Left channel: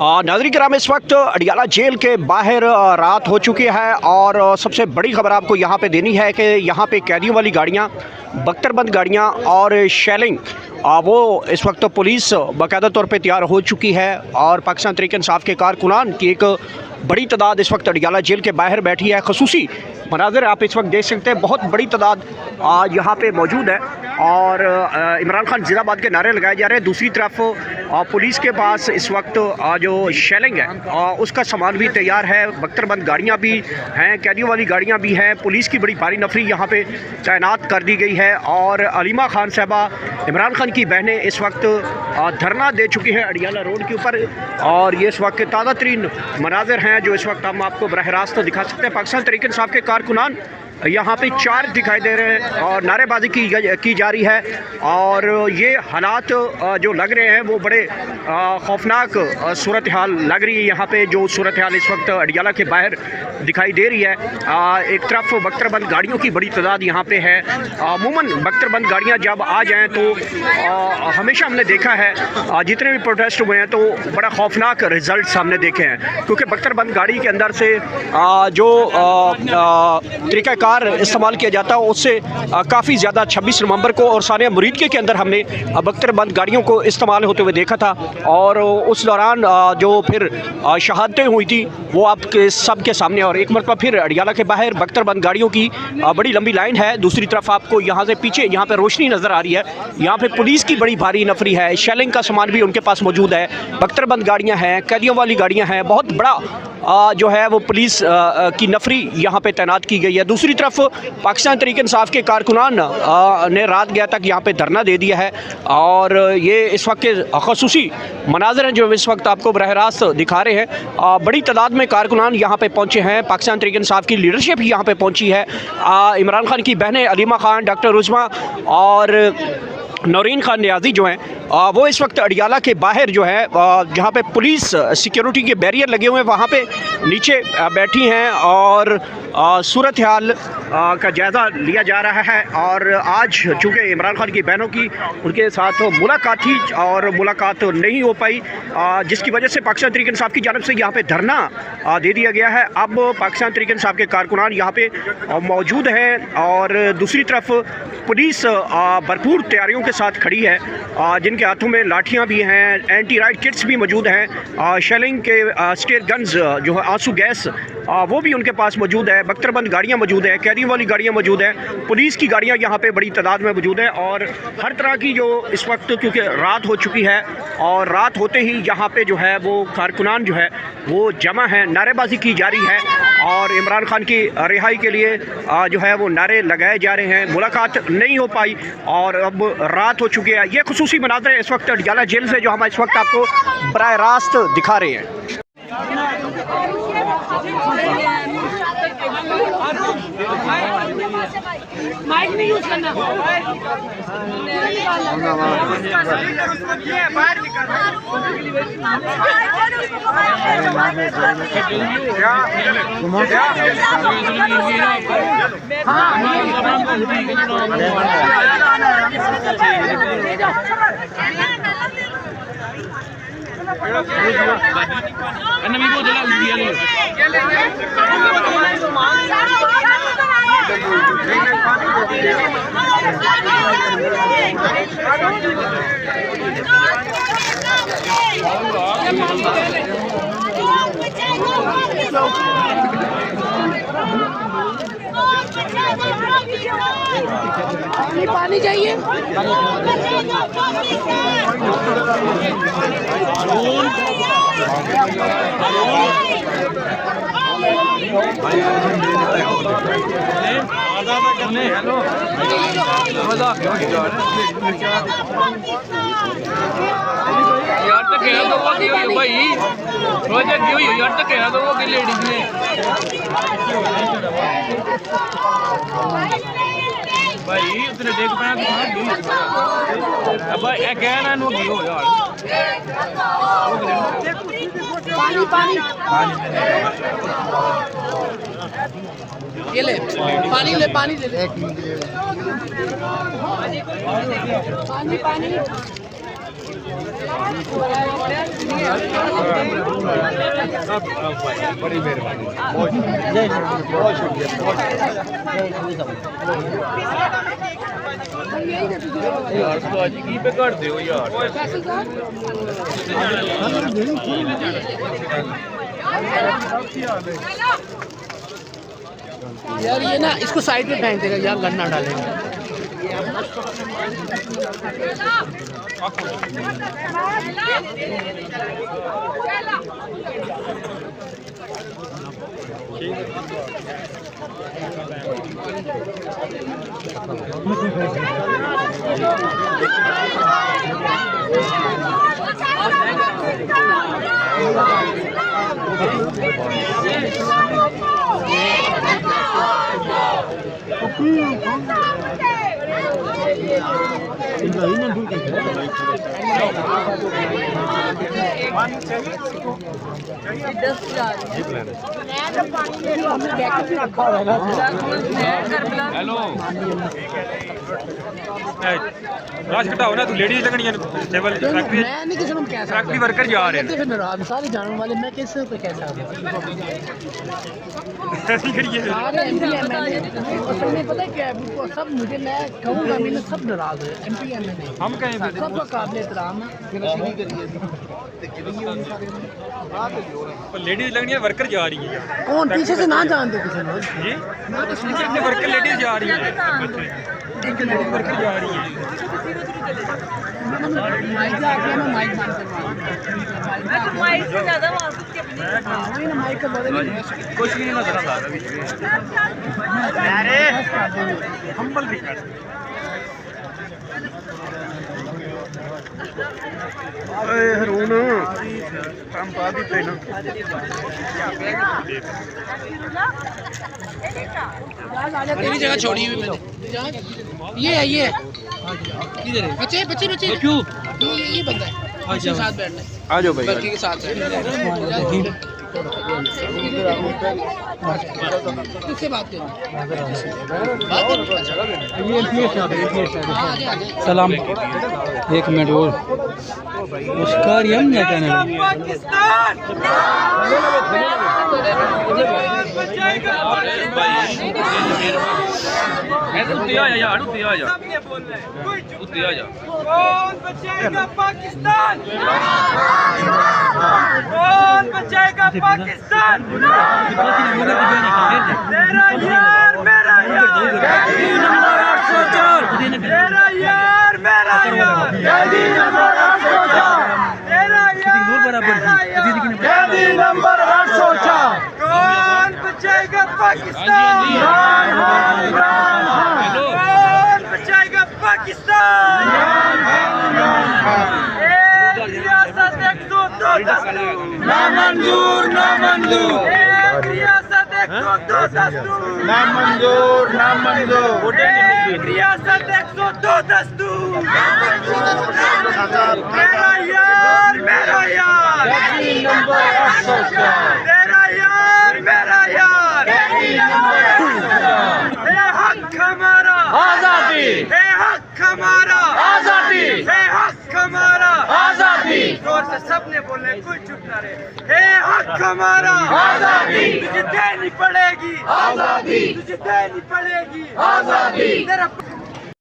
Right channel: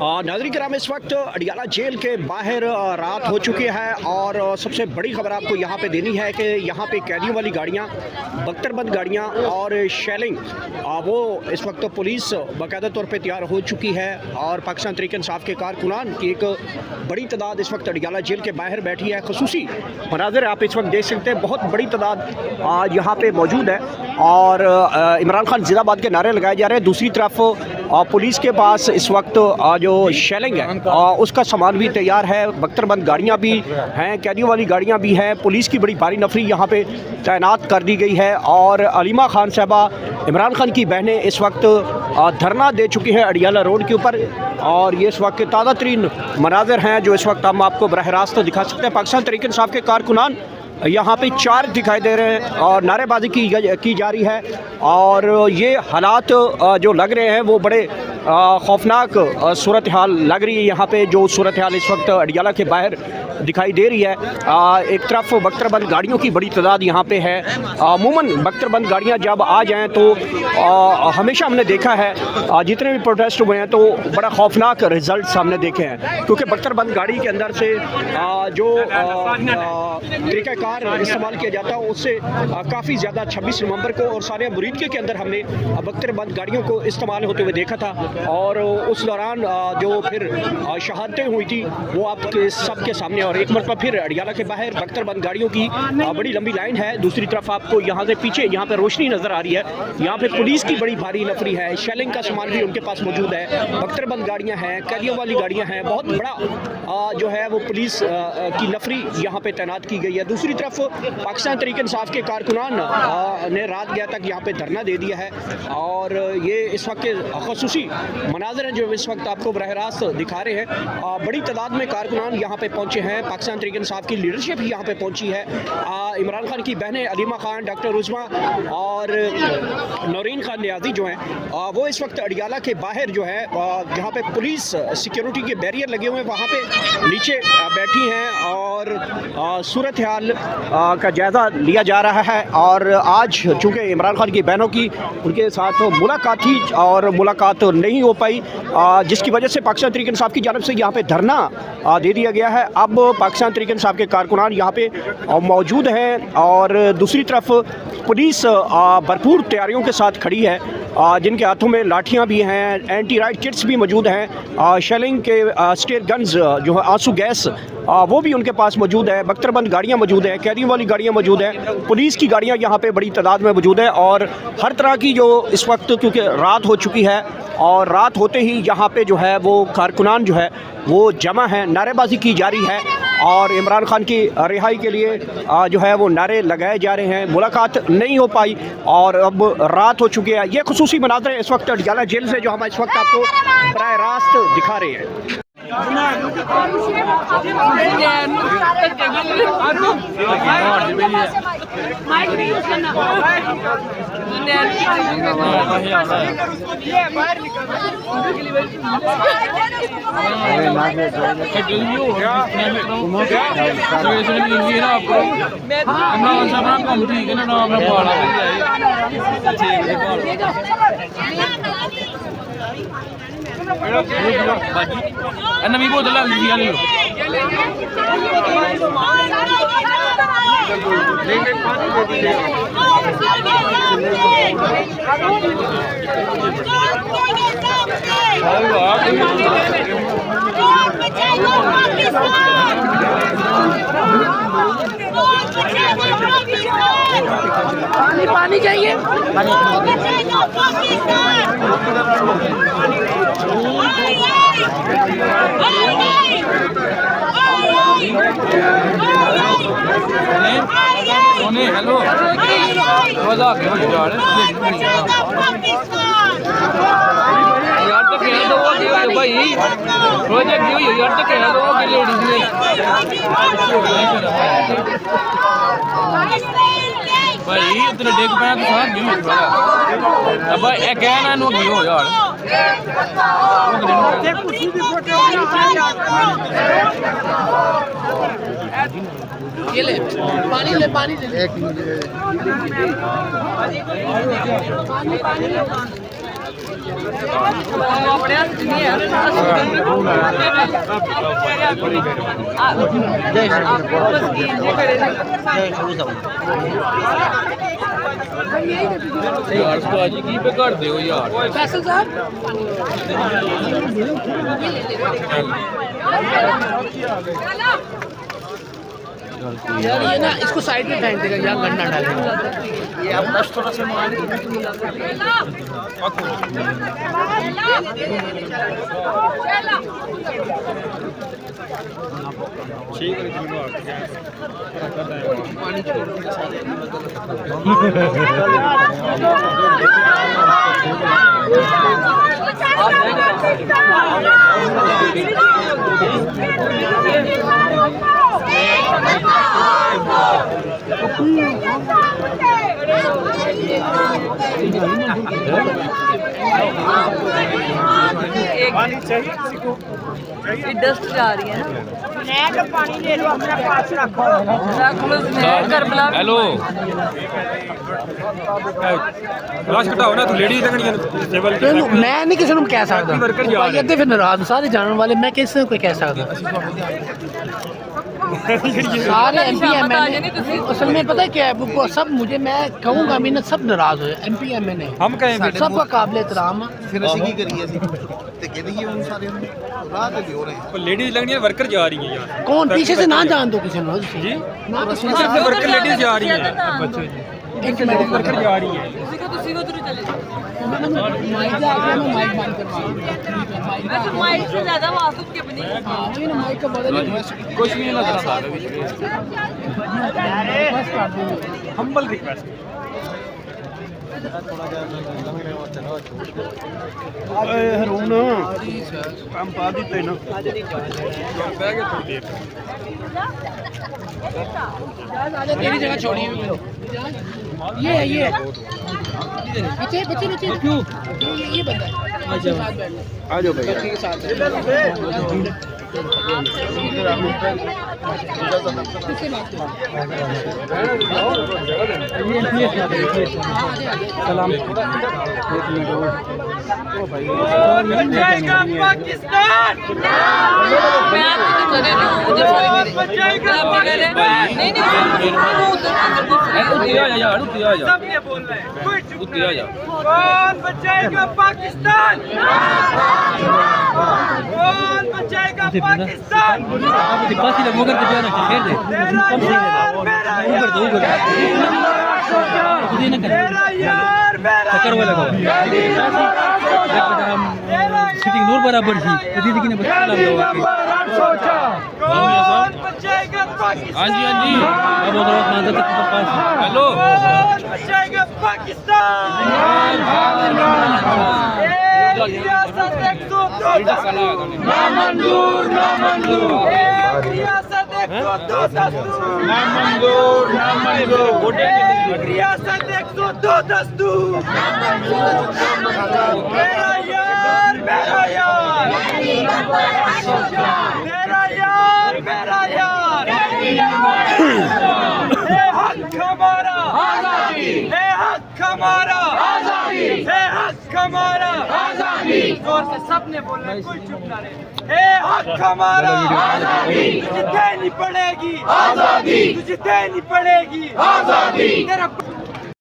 नाज़रीन किराम, इस वक्त अडियाला जेल के बाहर रात हो चुकी है और सबसे बड़ी खबर आपको यहाँ पे देनी है कि यहाँ पे कैदियों वाली गाड़ियाँ, बख्तरबंद गाड़ियाँ और शेलिंग वो इस वक्त पुलिस बाकायदा तौर पे तैयार हो चुकी है और पाकिस्तान तहरीक इंसाफ के कारकुनान की एक बड़ी तादाद इस वक्त अडियाला जेल के बाहर बैठी है। खसूसी मनाज़र आप इस वक्त देख सकते हैं, बहुत बड़ी तादाद यहाँ पे मौजूद है और इमरान खान जिंदाबाद के नारे लगाए जा रहे हैं। दूसरी तरफ पुलिस के पास इस वक्त जो शेलिंग है उसका सामान भी तैयार है, बख्तरबंद गाड़ियाँ भी हैं, कैदियों वाली गाड़ियाँ भी हैं। पुलिस की बड़ी भारी नफरी यहाँ पे तैनात कर दी गई है और अलीमा खान साहबा, इमरान खान की बहनें इस वक्त धरना दे चुकी हैं अडियाला रोड के ऊपर और ये इस वक्त के ताज़ा तरीन मनाज़र हैं जो इस वक्त हम आपको बरह रास्त दिखा सकते हैं। पाकिस्तान तहरीक इंसाफ के कारकुनान यहाँ पे 4 दिखाई दे रहे हैं और नारेबाजी की जा रही है और ये हालात जो लग रहे हैं वो बड़े खौफनाक सूरत हाल लग रही है। यहाँ पे जो सूरत हाल इस वक्त अडियाला के बाहर दिखाई दे रही है, एक तरफ बख्तरबंद गाड़ियों की बड़ी तादाद यहाँ पे है। अमूमन बख्तरबंद गाड़ियाँ जब आ जाएँ तो हमेशा हमने देखा है जितने भी प्रोटेस्ट हुए हैं तो बड़ा खौफनाक रिज़ल्ट हमने देखे हैं, क्योंकि बख्तरबंद गाड़ी के अंदर से जो तरीक़ाकार इस्तेमाल किया जाता है उससे काफ़ी ज़्यादा 26 नवंबर को और सानिया मुरीद के अंदर हमने बख्तरबंद गाड़ियों को इस्तेमाल होते हुए देखा था और उस दौरान जो फिर शहादतें हुई थी वो आपके सबके सामने। और एक मरतबा फिर अडियाला के बाहर बख्तरबंद गाड़ियों की बड़ी लंबी लाइन है। दूसरी तरफ आपको यहाँ से पीछे यहाँ पे रोशनी नज़र आ रही है, यहाँ पे पुलिस की बड़ी भारी नफरी है, शेलिंग का सामान भी उनके पास मौजूद है, बख्तरबंद गाड़ियाँ हैं, कैदियों वाली गाड़ियाँ हैं, बहुत बड़ा जो है वो पुलिस की नफरी यहाँ पे तैनात की गई है। दूसरी तरफ पाकिस्तान तहरीक इंसाफ के कारकुनान ने रात गया तक यहाँ पे धरना दे दिया है और ये इस वक्त के खसूसी मनाज़र हैं जो इस वक्त आपको बरह रास्त दिखा रहे हैं। बड़ी तादाद में कारकुनान यहाँ पे पहुँचे हैं, पाकिस्तान तहरीक इंसाफ की लीडरशिप यहाँ पे पहुँची है। इमरान खान की बहनें अलीमा खान, डॉक्टर रुज़मा और नौरीन खान नियाज़ी जो हैं वो इस वक्त अडियाला के बाहर जो है जहाँ पे पुलिस सिक्योरिटी के बैरियर लगे हुए हैं वहाँ पे नीचे बैठी हैं और सूरत हाल का जायज़ा लिया जा रहा है। और आज चूँकि इमरान खान की बहनों की उनके साथ मुलाकात थी और मुलाकात नहीं हो पाई, जिसकी वजह से पाकिस्तान तहरीक इंसाफ की जानिब से यहाँ पे धरना दे दिया गया है। अब पाकिस्तान तहरीक इंसाफ के कारकुनान यहाँ पे मौजूद हैं और दूसरी तरफ पुलिस भरपूर तैयारियों के साथ खड़ी है, जिनके हाथों में लाठियाँ भी हैं, एंटी राइट किट्स भी मौजूद हैं, शेलिंग के स्टेट गन्स जो है आंसू गैस वो भी उनके पास मौजूद है, बख्तरबंद गाड़ियाँ मौजूद है, कैदियों वाली गाड़ियाँ मौजूद है, पुलिस की गाड़ियाँ यहाँ पे बड़ी तादाद में मौजूद है और हर तरह की जो इस वक्त क्योंकि रात हो चुकी है और रात होते ही यहाँ पे जो है वो कारकुनान जो है वो जमा है, नारेबाजी की जा रही है और इमरान खान की रिहाई के लिए जो है वो नारे लगाए जा रहे हैं। मुलाकात नहीं हो पाई और अब रात हो चुकी है। ये खुसूसी मनाज़र इस वक्त अडियाला जेल से जो हम इस वक्त आपको बराह रास्त दिखा रहे हैं। नवी बोतल पानी पानी चाहिए। हेलो यार तो कह दो भाई, थोड़ा क्यों यार तो कह दो कि लेडीज ने भाई इतने डेग पे के साथ भी अब ए कहना नो की हो यार ये ले पानी ले, पानी ले, एक मिनट पानी यार तो आज की पे कर दो यार फैसल साहब यार ये ना इसको साइड में फेंक देगा, यहाँ गन्ना डालेगा। पानी चाहिए किसी को? डस्ट जा रही है। पानी ले लो, अपने पास रखो। हेलो राश घटाओ ना, तू लेडीज लगनी है टेबल मैं नहीं किसी को कह सकता, वर्कर जा रहे हैं। फिर नाराज सारे जानने वाले, मैं किसी को कह सकता। सारे MP MLA असल में पता है क्या है, वो सब मुझे, मैं कहूँगा मैं सब नाराज हुए MP MLA हम कहें सबका काबिल एहतराम है। लेडीज लगनी है, वर्कर जा रही है। कौन पीछे से ना जान दो किसी ने जी ना किसी ने। वर्कर लेडीज जा रही है, एक मिनट वर्कर जा रही है। माइक जा गया, मैं माइक बंद करवा दूंगा। माइक से ज्यादा वाकुफ के भी नहीं। माइक का बदल कुछ नहीं लग रहा था बस कर देंगे। Humble request. हरून काम पा देते ना। मेरी जगह छोड़ी हुई मैंने। ये है ये बच्चे बच्चे बच्चे क्यों ये बंदा है, अच्छा साथ बैठना आ जाओ भाई। के साथ किससे बात करें? सलाम एक मिनट वो बचाएगा पाकिस्तान? कौन बचाएगा पाकिस्तान? तेरा यार मेरा यार, तेरा यार मेरा यार, बराबर थी नंबर 8 सोचा। कौन बचाएगा पाकिस्तान? हाँ जी हेलो कौन बचाएगा पाकिस्तान? रियासत 102 दस्तूर ना मंजूर, ना मंजूर। रियासत 102 दस्तूर ना मंजूर, ना मंजूर। रियासत 102 दस्तूर ना मंजूर, ना मंजूर। मेरा यार मेरा यार, तेरा यार मेरा यार। है हक हमारा आजादी, है हक हमारा आजादी, है हक हमारा आजादी। जोर से सबने बोलना, कोई चुप ना रहे। है हक हमारा आजादी, तुझे देनी पड़ेगी आजादी, तुझे देनी पड़ेगी आजादी। तेरा